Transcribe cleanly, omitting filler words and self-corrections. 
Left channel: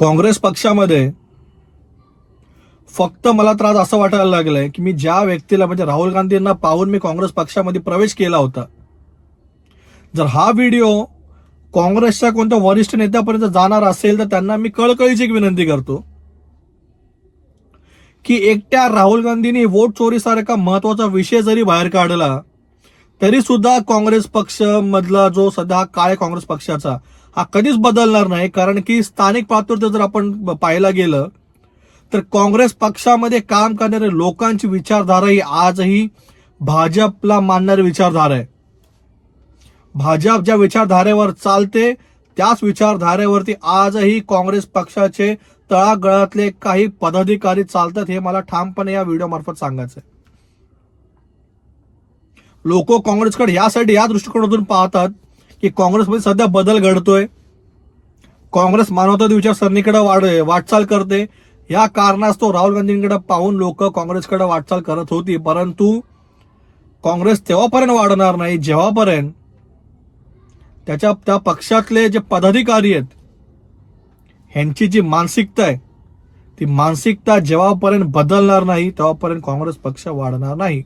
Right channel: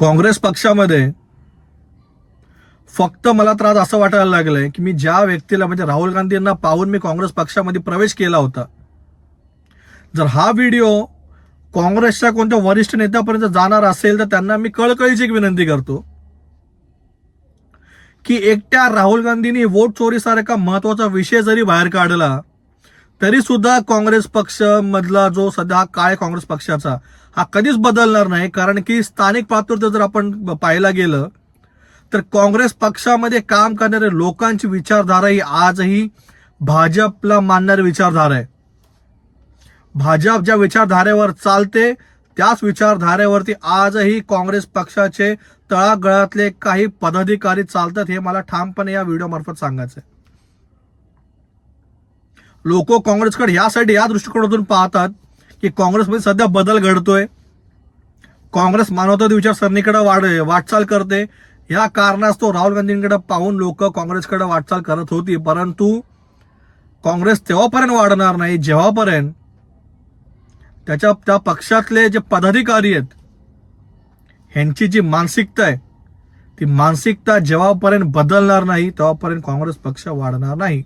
काँग्रेस पक्षामध्ये फक्त मला त्रास असं वाटायला लागलंय की मी ज्या व्यक्तीला म्हणजे राहुल गांधींना पाहून मी काँग्रेस पक्षामध्ये प्रवेश केला होता, जर हा व्हिडिओ काँग्रेसच्या कोणत्या वरिष्ठ नेत्यापर्यंत जाणार असेल तर त्यांना मी कळकळीची एक विनंती करतो की एकट्या राहुल गांधींनी वोट चोरीसारखा महत्वाचा विषय जरी बाहेर काढला तरी सुद्धा काँग्रेस पक्ष मधला जो सध्या काळ आहे काँग्रेस पक्षाचा हा कधीच बदलणार नाही. कारण की स्थानिक पातळीवर जर आपण पाहायला गेलं तर काँग्रेस पक्षामध्ये काम करणाऱ्या लोकांची विचारधारा ही आजही भाजपला मानणारी विचारधारा आहे. भाजप ज्या विचारधारेवर चालते त्याच विचारधारेवरती आजही काँग्रेस पक्षाचे तळागाळातले काही पदाधिकारी चालतात, हे मला ठामपणे या व्हिडिओ मार्फत सांगायचंय. लोक काँग्रेसकडे यासाठी या दृष्टिकोनातून पाहतात की काँग्रेसमध्ये सध्या बदल घडतोय, काँग्रेस मानवतावादी विचारसरणीकडे वाटचाल करते. या कारणास्तव राहुल गांधींकडे पाहून लोक काँग्रेसकडे वाटचाल करत होती. परंतु काँग्रेस तेव्हापर्यंत वाढणार नाही जेव्हापर्यंत त्या पक्षातले जे पदाधिकारी आहेत ह्यांची जी मानसिकता आहे ती मानसिकता जेव्हापर्यंत बदलणार नाही तेव्हापर्यंत काँग्रेस पक्ष वाढणार नाही.